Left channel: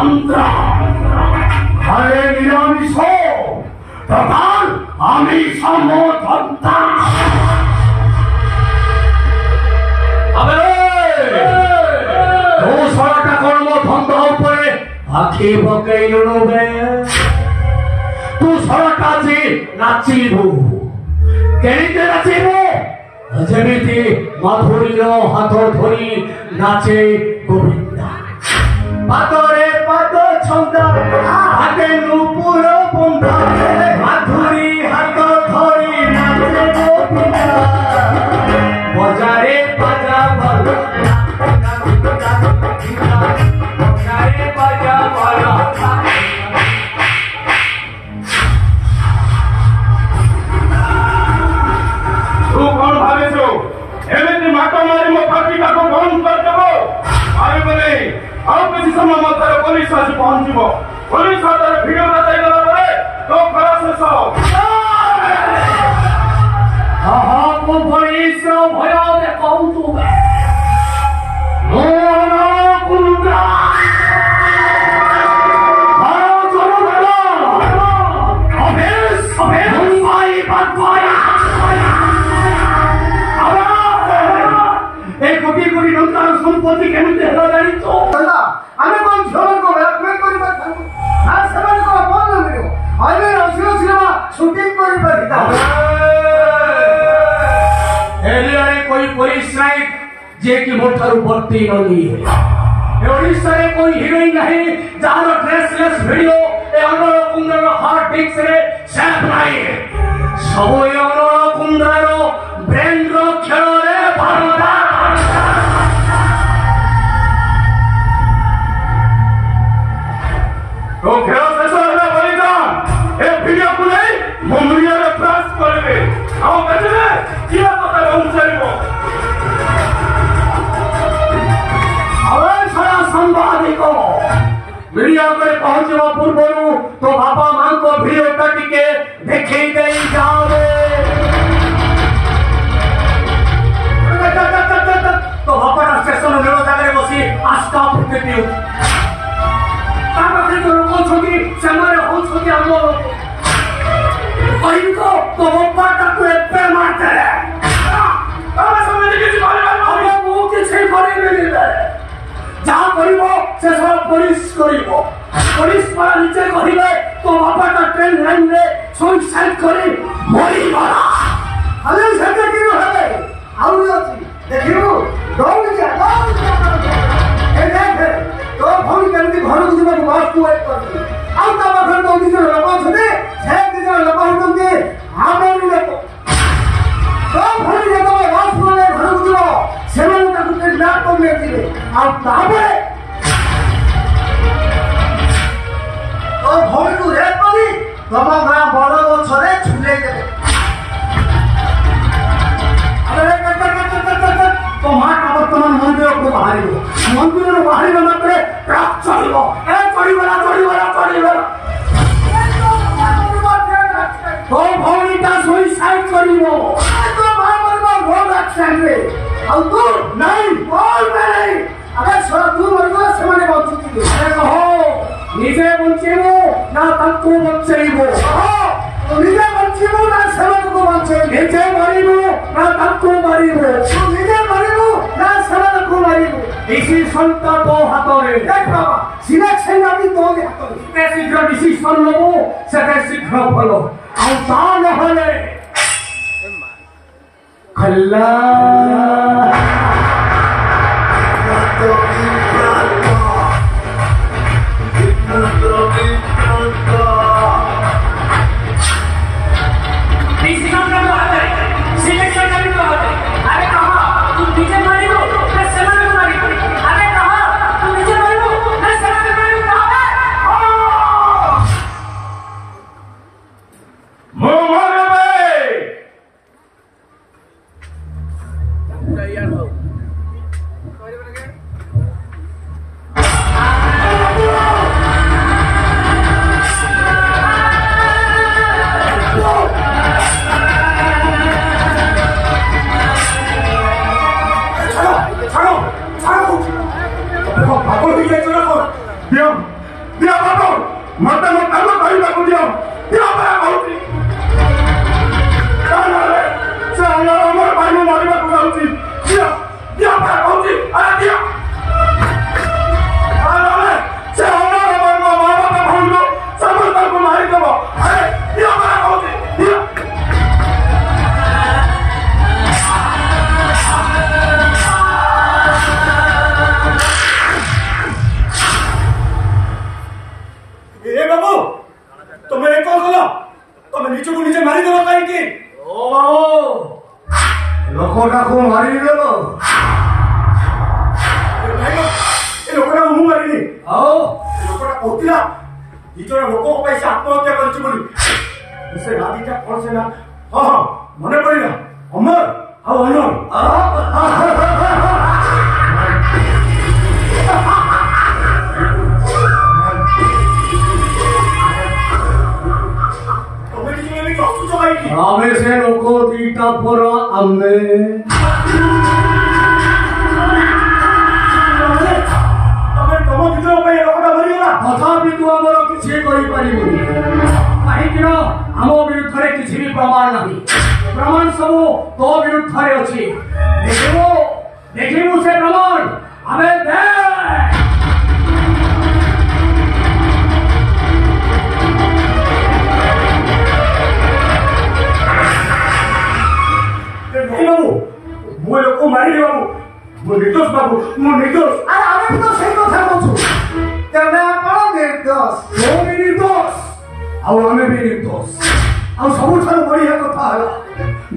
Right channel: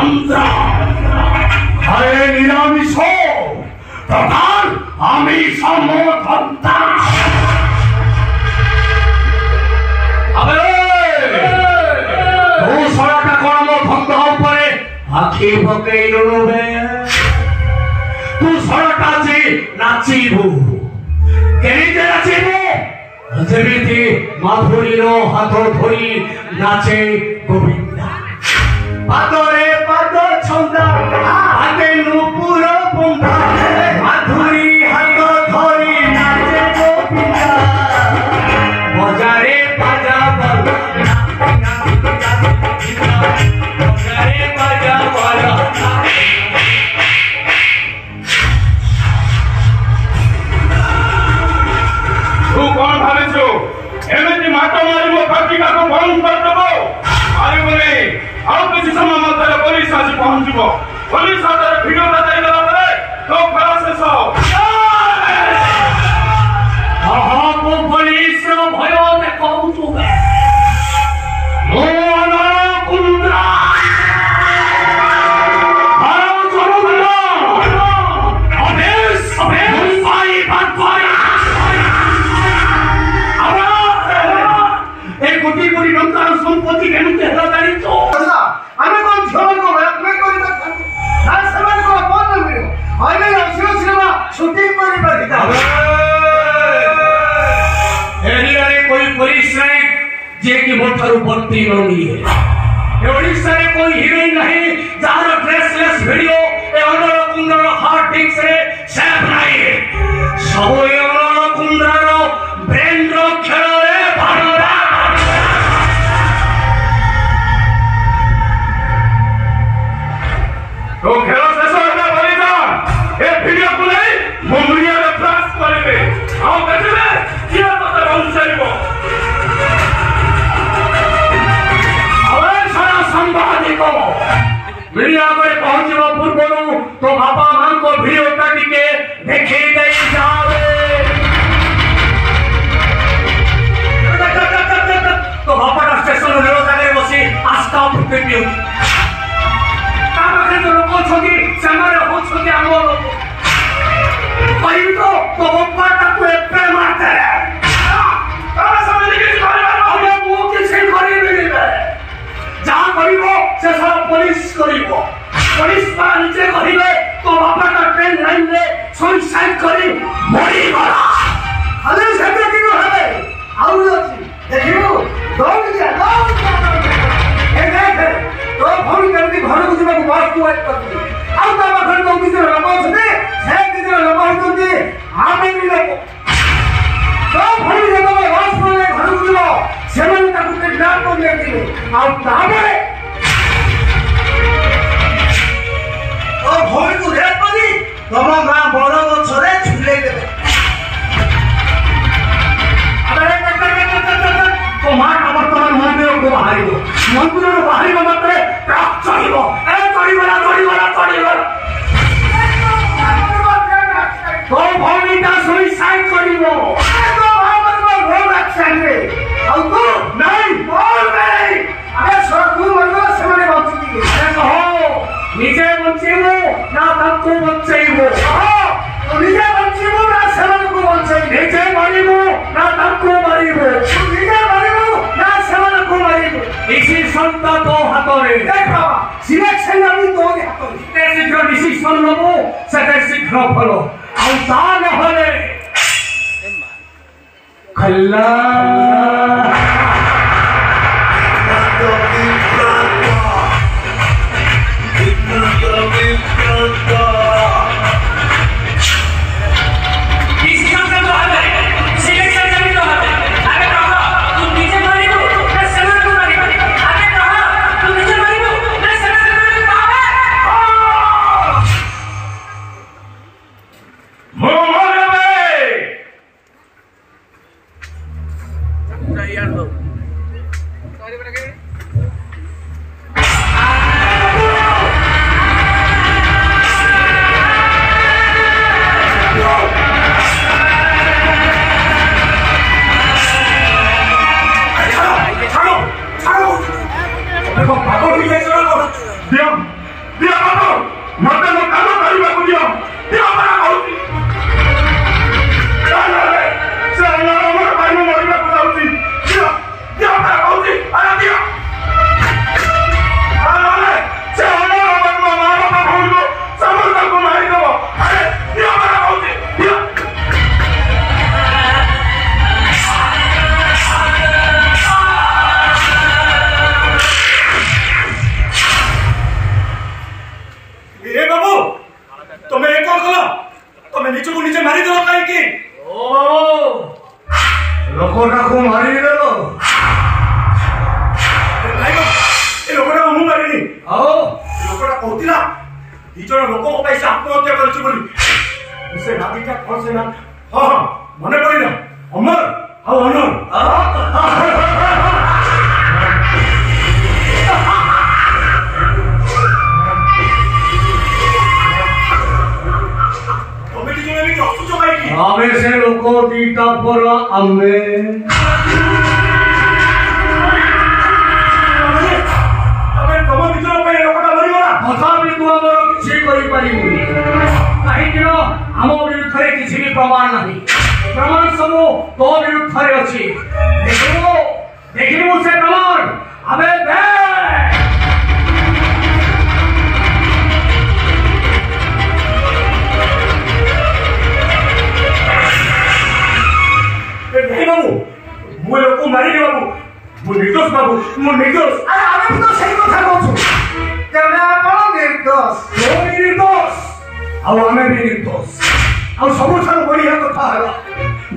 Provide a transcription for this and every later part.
মন্ত্র ঘরে নিরামিষ প্রধান আমি সমর্থনতা দোসরাটা কর্মভঙ্গ উপরে আখি পকেইলু বে দোসরাটা যে নাচিবু কেনিতে নাচিবু যেমিতি মাধুরীর হাত ধরি নাচে গোবিন্দা পাতরে পাত ছন্দা হাতে নুপুর বুন্দা মাধুরী হাত ধরি নাচে গোবিন্দা বজারে বাজা বাজা বজারে বাজা বাজা तू कौन भावे छो एमे माता मारी मो फाटी का को कौन कर देबो आरे बने आउ किसी समय माता पुलिस आसी पहुंचबो पुलिस आतर वीडियो ता देई गला परे तो खरा से सो आहा को पुलिस भय दे कहू तू मोना कुंद्रा हारो जरूर ना अभेस मुंबई बातवाया एक कोटी कोटी टंकार संपत्ति केनते हरादारी तो आमे कोन झोल को ब्लैकमेल करिबा ना समान को फोन मिलो आमे रसियो सिनेमा शूटिंग करिबा दिता एरिया रे कोई पुलिस नहीं जे की मोटर भर्ती न लिए ए ओडिसा रे कोई हीरोइन नहीं जार ड्रेसलेस वीडियो ए अनर कुंदर हार्ड डिस्क रे सेव नहीं सब ए अनर कुंदर ब्रेन रो खेल रे भरदा तो खेल से सोना बनेगा ए वीडियो को ले मुंबई रे प्रेस करबे आओ बेटे किया पता रहू चाहिबो अवे सारा संवादिको वीडियो पे पहुंचबो पूर्वरु तो बाबा मान को वीडियो टिके देखै देई जावे तो बाबा का स्टेशन रे जागे बसी आस्था फुटे पिउ ताबे तो लोग छथि समय हो छथि हमर कहीं तो बाबा का को एपे मारते रे ताबे समय के बारे में अरे वो के छै करे मिले जा करिवो से सब पुलिस करिवो पुलिस पर नीचे कहिबे तो बाबा का ट्रेन लाइन ले सुसाइड करी मरी गला अरे सेते की होले आउर अछि देखिबो दौड़ जा ए देख तो फोन करती घर को जीवा बात को वेट करती आउ ता घर तो दिसे लोक छने से दिसे लोक होतंती आमे भी लोक तो फोन देखो वास बोले घर को जीवा सेवन तक के लाट को लेके आउ ताबे तो फोन को रेट पड़ी तमा गां बड़ छने झुले देबे अरे तो मां वर्तमान मंदिर को बाहरिबो मंदिर को बाहरिबो मात्रे ट्रक चढ़िबो ए चढ़िबला तो भौनीटा सुसाइड करिबो तो भाई मरबो रोड एक्सीडेंट रे आ तू नहीं बोल नहीं अरे सर तू मरबो से माने बचती अरे कहो निजे बंचीबो ना तक्को बंचीबो तो निजे बंचीबो ना सेवन को बंचई निजे मरिबो ना तक्को मरिबो तू निजे डिसीजन तो दो हाथों रे देख बाबा सिलेक्शन अभी दो हाथों रे ते शीघ्र डिसीजन लबो सेते शीघ्र फलो आ तान होले खल्ला डिसीजन का तो हाथ है सिलेक्शन का भी तो हाथ है अरे कहा तू डीजे मारिबो ना सेवन को मारिबो अरे कहा तू डीजे मारिबो ना सेवन को मारिबो मोहन भाई पूरा यार दो सॉरी बने के सब निजे मारी दो काई की ओ बाबू लोकोटा को मारी देलो ए लोकोटा को मु मारिनी आओ लोकोटा कहतिला दिजण लोक को पैसा आत्महत्या करछु बोली से राधिका कोन से ना हां मने पड़िला अमर आओ अनर आमे से लोको दीटा बोला आमे अबे तम भीतर पे लोकटा मरि गला तथापि तू हमर किछि करि परिबुनी काहे कि हम विरुद्धरे किछि भी प्रमाण नाही प्रमाण सब तो विरुद्धरे अछि देखिबो से प्रमाण अबे दे मुझे लोग मारी बाबू मुझे निर्दोष बाबू मुझे निर्दोष अरे हमें तो सही কথা বলছো তেমনে আপন निर्दोष तो निर्दोष और हमें भी निर्दोष और सबुठार बढ़िया কথা হলো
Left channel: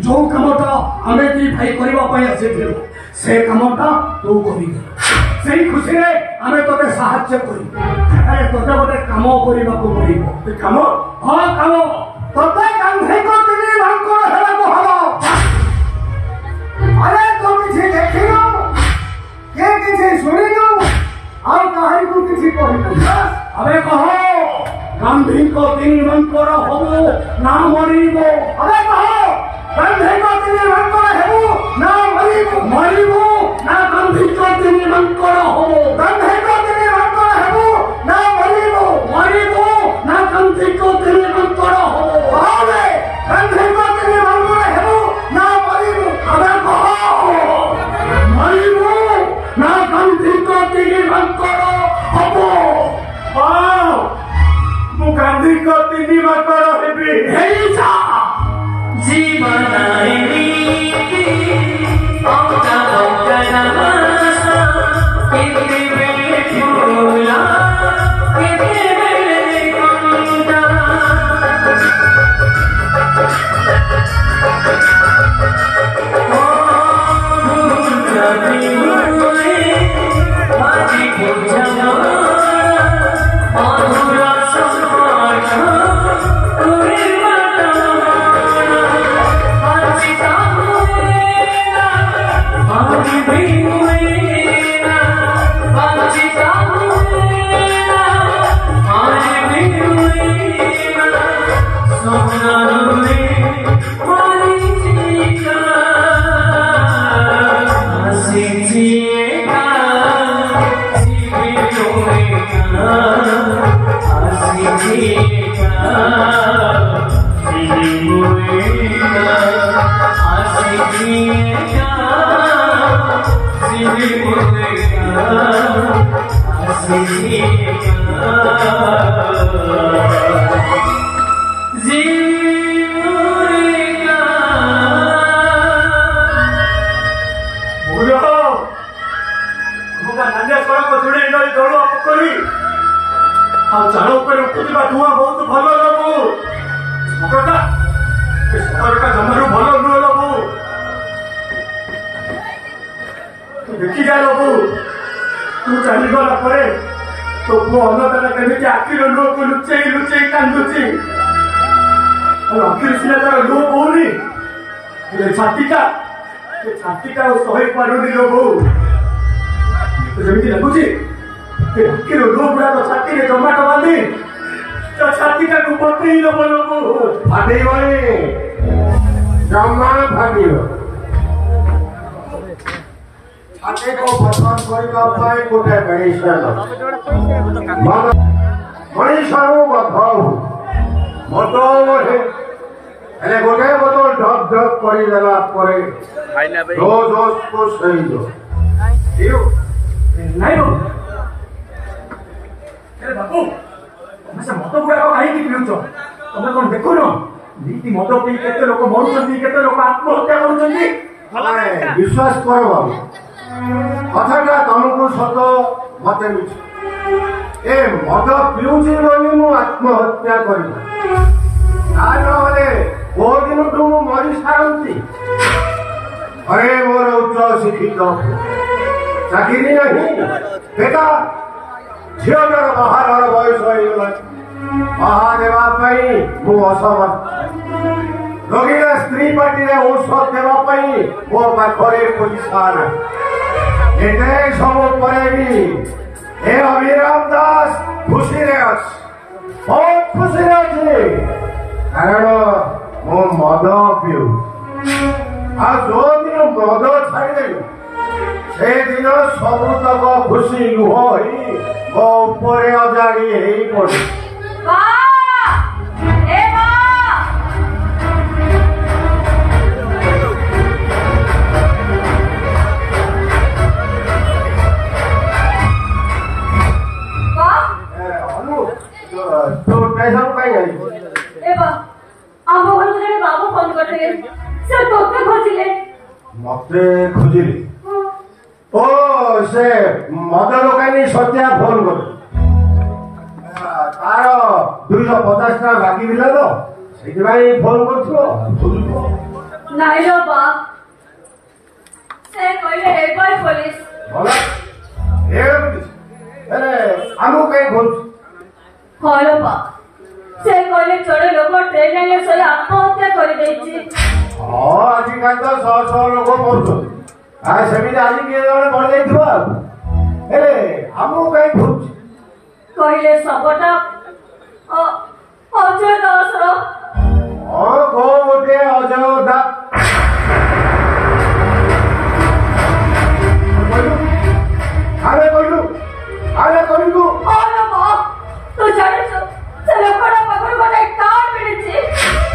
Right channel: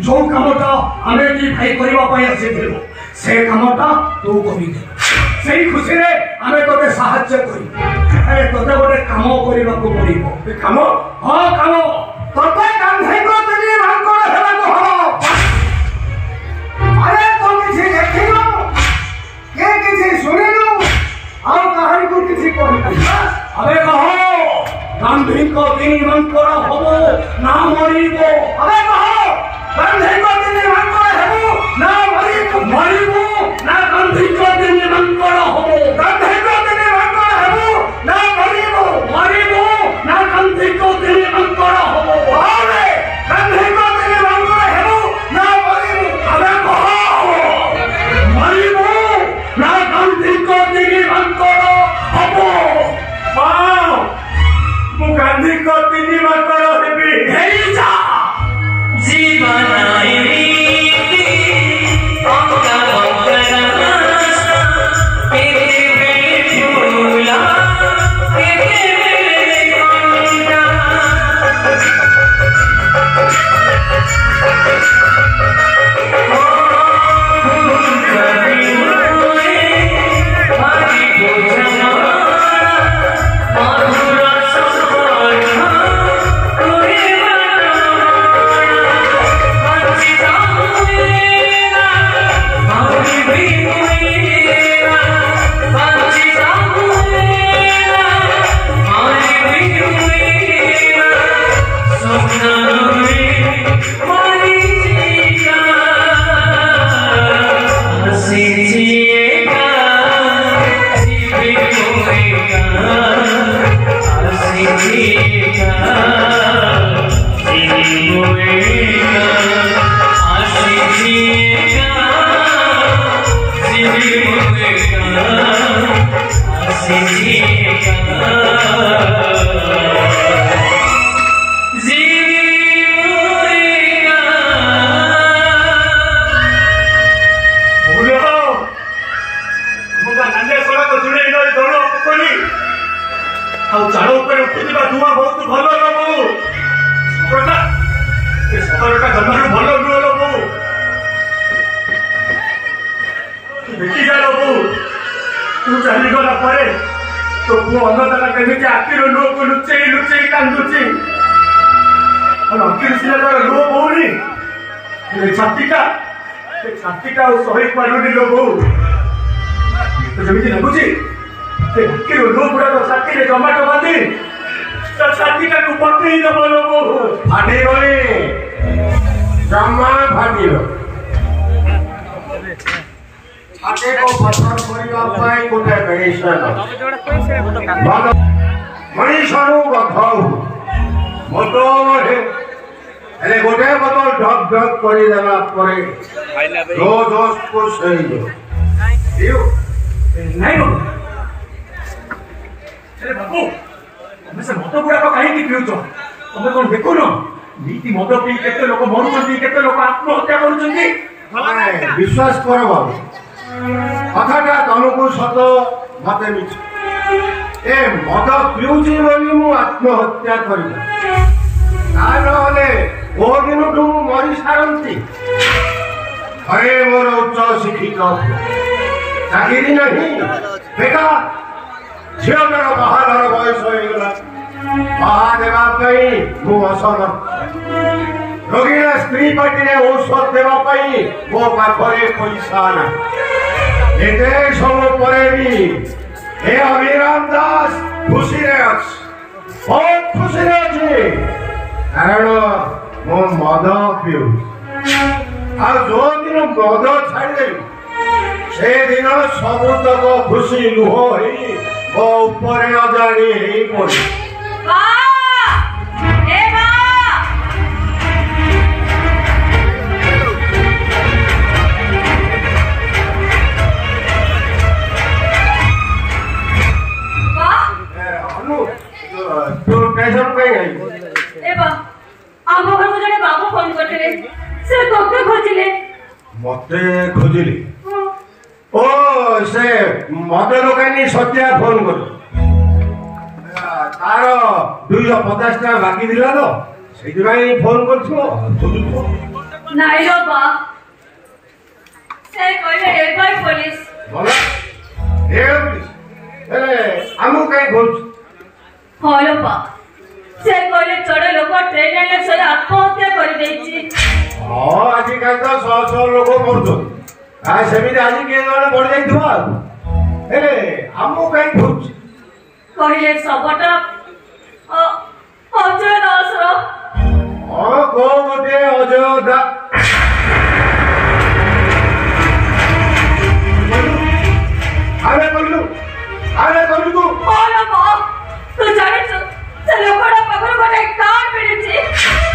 जो कामटा हमें की भाई करबा पई आसीथिलो से कामटा तू करि दे सेही खुशी रे हमें तोते सहायता करी अरे तोते गोटे काम करबा को पड़िबो काम हां काम तोते काम है को तुनी भांको हेला को हबो अरे तो किसी देखियो के किसी सुनियो और कहानी को किसी कहि अबे कहो गांधी को दिन मंत्र होबो ना मरिबो अबे कहो गांधी को दिन मंत्र हेबो ना मरिबो ना गांधी को दिन मंत्र होबो गांधी को दिन मंत्र हेबो ना मरिबो ना गांधी को दिन मंत्र होबो अबे गांधी को दिन मंत्र हेबो ना मरिबो अबे कहो मरिबो ना गांधी को दिन मंत्र होबो वाह मु गांधी को दिन मंत्र हेबी हेई जा जीवन आईनी देखी जा लोगो तू चली गला परे तो वो अन्नदाता कहने के आखिर लोग को लुच्चे कांदुची और आखिर सिला का लोग होनी ये छाती का वो सही पड़ोनी लोगो तो जमीन लगुची ये आखिर लोग बड़ा तो छाती ने टमाटो बांधी तो छाती का ऊपर ही लोगो फाटे वाले जमा फाटी लो छाते को बदनाम करिबा पाए कोटे मेडिसन मनीषारो बथाउ बोतल अरे गोटे बोतल ढक ढक करी देला परे दो दोस्त को सही दो दियो नहीं नो अरे बापू मैं से मत बुढ़ा को काहे की पिउचो तमे कोन देखो न नीति मत पी केते लोक मरुचंती केते लोक आत्महत्या करूचंती विश्वास करो बाबू कथाटा तुमको सत मत मिछ ए मत पिउची बोली मु आत्महत्या करी आरो रे छाड़ती अरे मोर उच्च शिक्षित चाकरी नहीं बेकार झीलर बाहर बयस होगा बाहा देवाई मु असमर्थ रोगी स्त्री पार्टी औषध देवाई मो पाखे पैसा ना एते सब पर भी हे अभिराम दास खुशी रे अछि बहुत खुशी रे अछि कारण मो मद पिउ आ जो दिन मद छाड़ी देलु से दिन सबतक खुशी लुह ही मो ऊपर अजाणी ही पड़ी तू कैसा कहीं गई एबा आम घर को जने बाबू फोन करथिले से तोते खोजिले मते खोजिले ओ से मद लोकानी सत्या फोन कर तार 250 टा बाकी दिला तो सेति भाई फोन करथियो खोजुतो नाइ रो बा से कहले एबाई पुलिस बोला ए पुलिस अरे हमु कहीं बोल हलो बा से कहले चढ़े लोक ट्रेन ले चले आत्महत्या कर देछि हां आज काल तो 100 लोग मरदो आ सेमिति आज के जण बढ़ जाइथो अरे हमु कहीं भूत कहले सबटा अजय दास रो हां को गोटे अजय दास अरे कहलु तू हलो बा तो जाने से लोकड़ा पकड़ कोटे कार्ड मिलिछि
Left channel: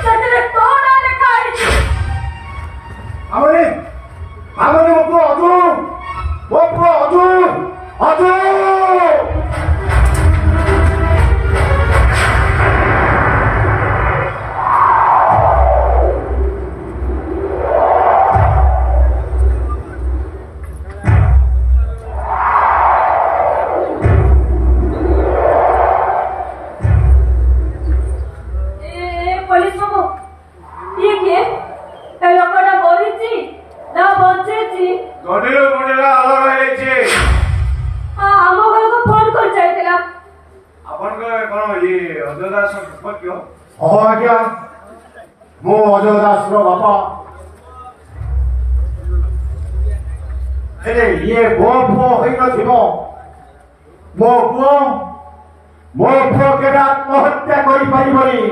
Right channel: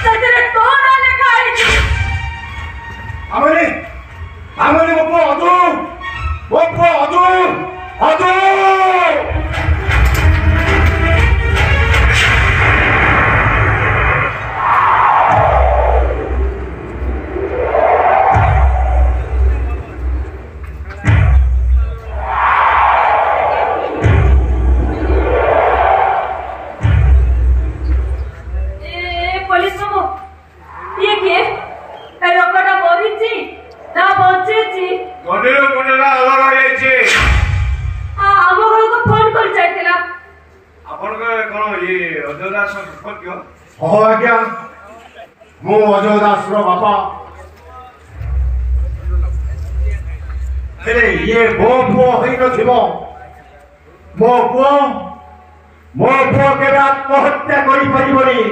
सतरे तो ना लिखा आइछि हमरे मको अजू मो अजय दास रो बापा अरे ये मो पुओ होई न थिबो मो पुओ के आत्महत्या करि परिबनी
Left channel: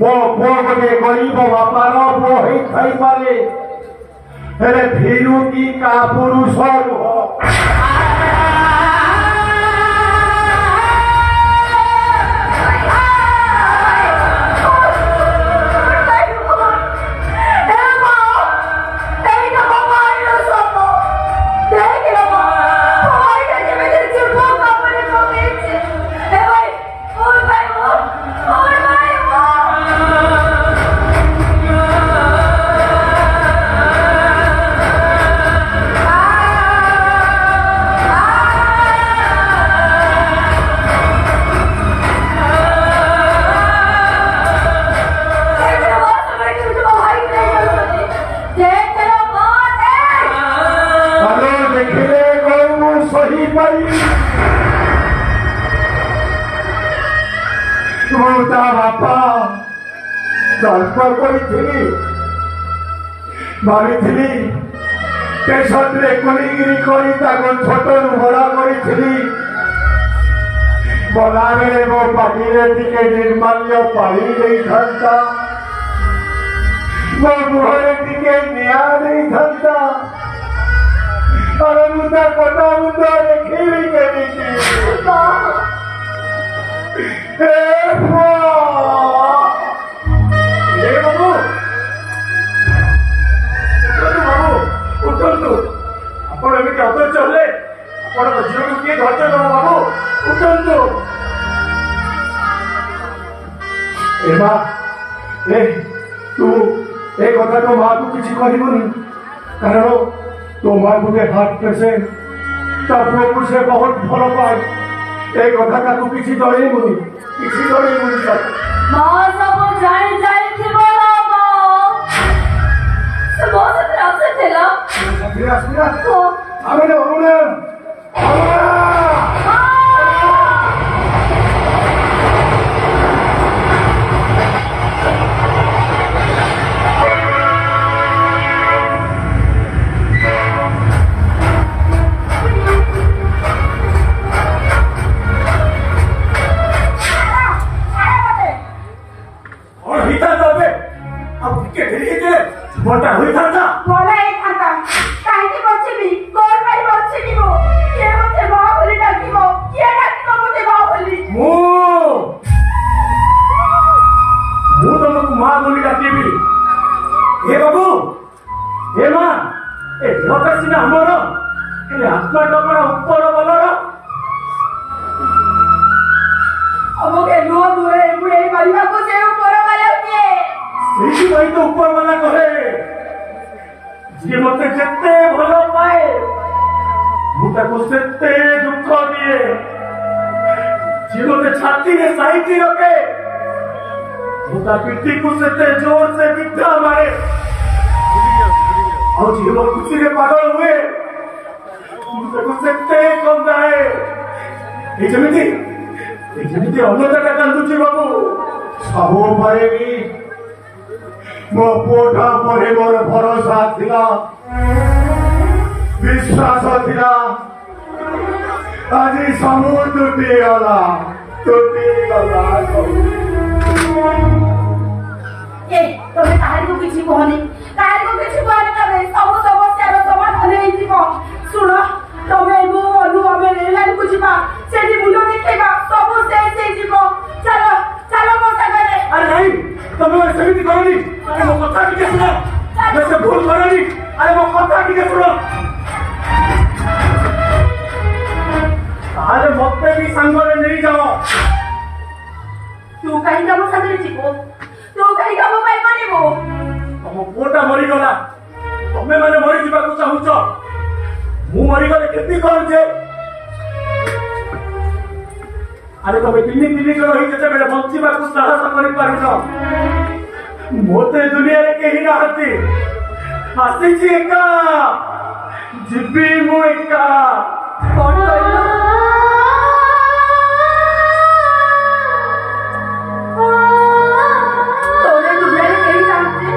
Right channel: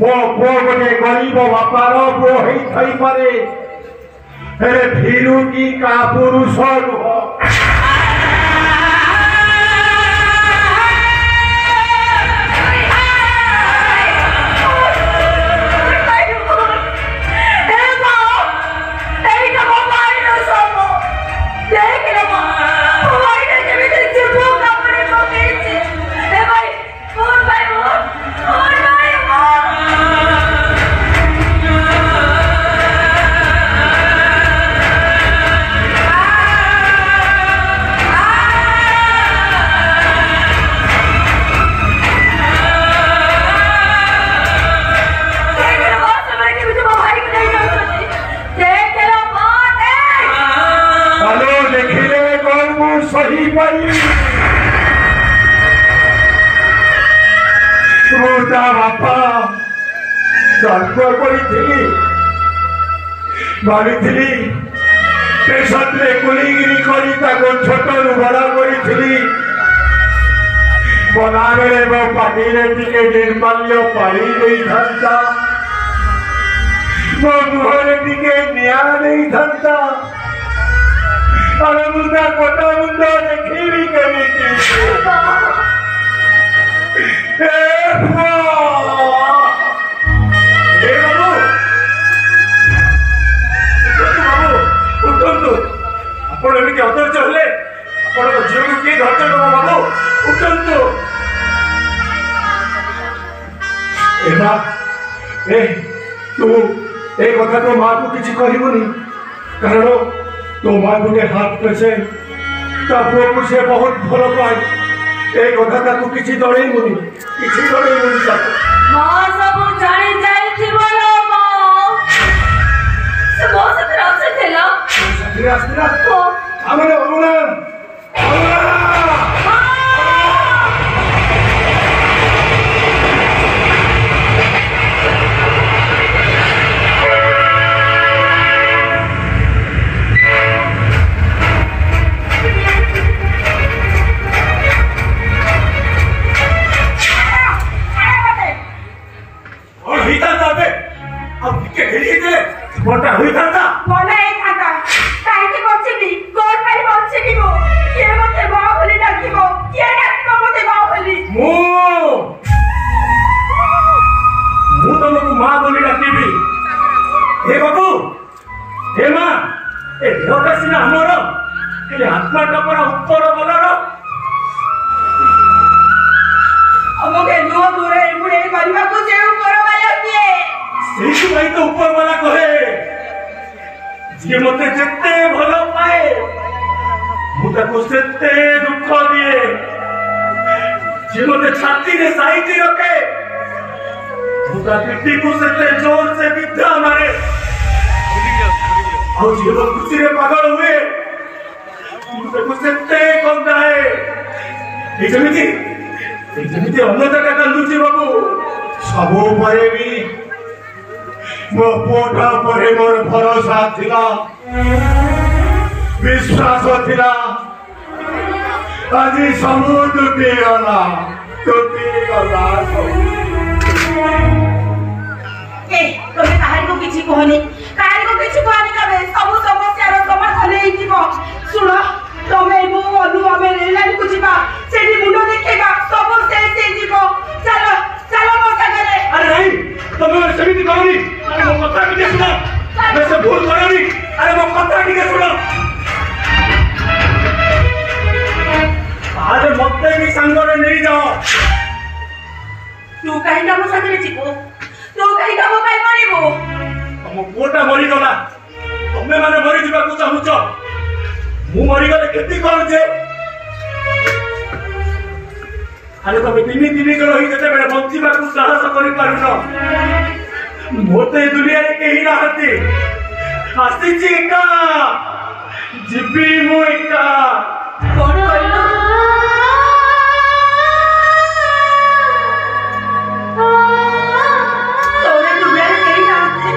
मो पुओ गोटे गरीब बापार पुओ होई थाई पारे अरे भीरू की का पुरुष नुह बापा भावी पेशा कोलीगिरी करी छोट बड़ा करी बना बेले मो पार्टी टिके निर्माल्य पाई नहीं था मो मुहर टिके निया नहीं था और मुदा कटा मुंडा देखी करी कथा तो माँ को किसी कहबुनी कारण तो माँ गोटे हाथ पेसेंट पुओ को से बहुत भल पाए ए कथा ताकू किसी जणैबुनी मां सब जाई जाई थिबो लो मां तबे अब के ढेरी दे मोटा हुई था बोला एक आता काहे के बच्चे कोन भाई बच्चे की वो के मते बाहुबली डाकिबो के डाकिबो मते बाहुबली मु तुमको मां बोली डाकिबी हे बाबू हे मां ए लोकसिना हमर ए आत्मा टपरा ऊपर बलर अमके नो दूरे मुड़े करबा को से ऊपर वाला के सेही भाई तो ऊपर वाला कहे जे मते जत्ते भलो पाए मु ताको सेते दुख दिए जे मते छाती रे साइती रखे मु ता पिट्टी को सेते जोर से बिधा मारे और जे वो खुशी रे पागल हुए मु ताको सेते कंदाए ए जेमिति अन्नदाता कांदुची बाबू सबु परे भी मो पोटा परे मोर भरोसा थिला विश्वास थिला আজি सबु टूटी गला ए तमे ताहारी को किछि कहनी तमे सब समस्या रो समाधान हेइ दिबो सुनो तमे मु अनु आमे रेलान को जिबा सेठी मुंडो देखेबा सब शेष हेइ दिबो चलो चलो मो संगरे अरे नहीं तमे सेमिति करनी अरे मो कथा के सुनो मैं से भूल करनी अरे मो कथा के सुनो अरे मते भी संगरे नहीं जाओ तू कहीं का मो संगरे जिबो तू कहीं का मोबाइल मारिबो मो पोटा मरी गला तमे माने मरी जिबा को चाहूछ मु मरी गले केति करू जे अरे तमे दिनी जन होई जते बेले बंचिबा को साहस करि पारनो मोते दुनिया रे केही रहती आसी जी का जिबी मु एका कोन होइलो तोरे दुनिया रे केही रहती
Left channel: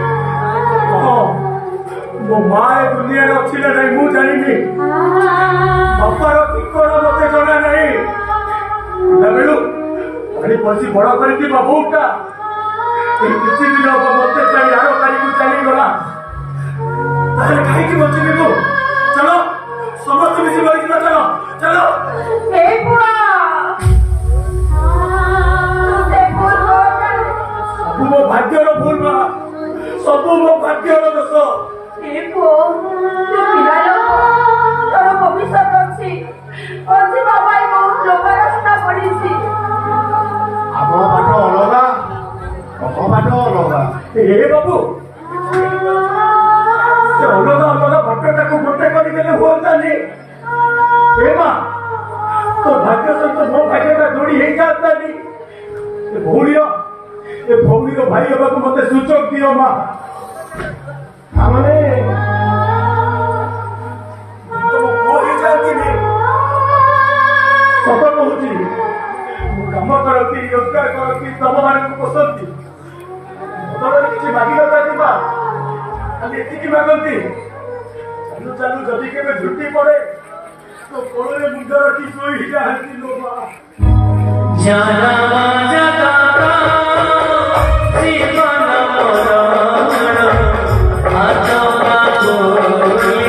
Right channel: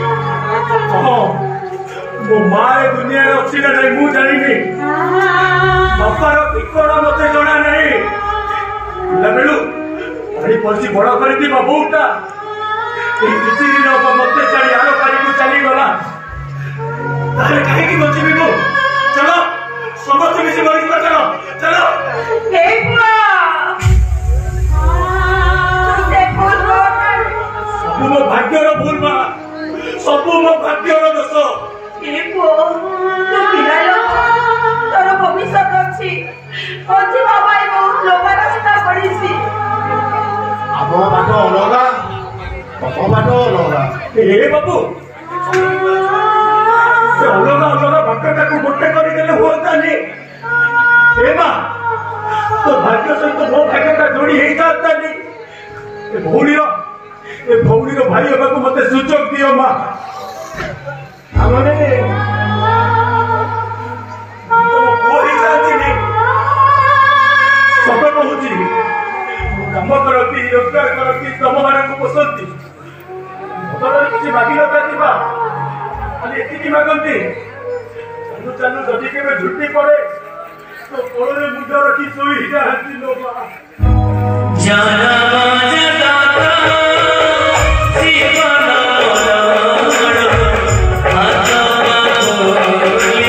मो माय दुनिया रे अछि ना नहीं मु जानिनी बापार ठिकाना मते जणा नहीं लबेलु अरे पछी बड़ करती बाबूटा ए किछि दिन अब मते चली आरो कारी को चली गला तारे काहे की बची बिनु चलो समस्त मिसी मरी चलो चलो हे बुआ तुसे भूल सब मो भाग्यर भूल बा सब मो भाग्यर दोष हे बुआ तू पिला लोग तोर भविष्य अछि ओजी बाबा ए बहुत लोभ रास्ता पड़ीसी आप बाटो अलगा कतो बाटो अलगा ए बाबू से अलगा भक्तटा को गोटे करी देले होता नहीं ए मां तो भाग्य सहित मो भाग्यटा जोड़ी हेई जाता नहीं ए भौरीर भाई होगा को मते सुचक दियो मां हमने तो कोई जाती नहीं सब कहूची काम करती रोजगार करती तम माने को पसंदी बदल किछि मागिलो तातिबा खाली एतिकी मागंती चालू चालू जदी केबे झुटी पड़े तो कोळरे मुंड रखी सोई जाहती लो बा जाना जगा जीवन मोरा आता कोई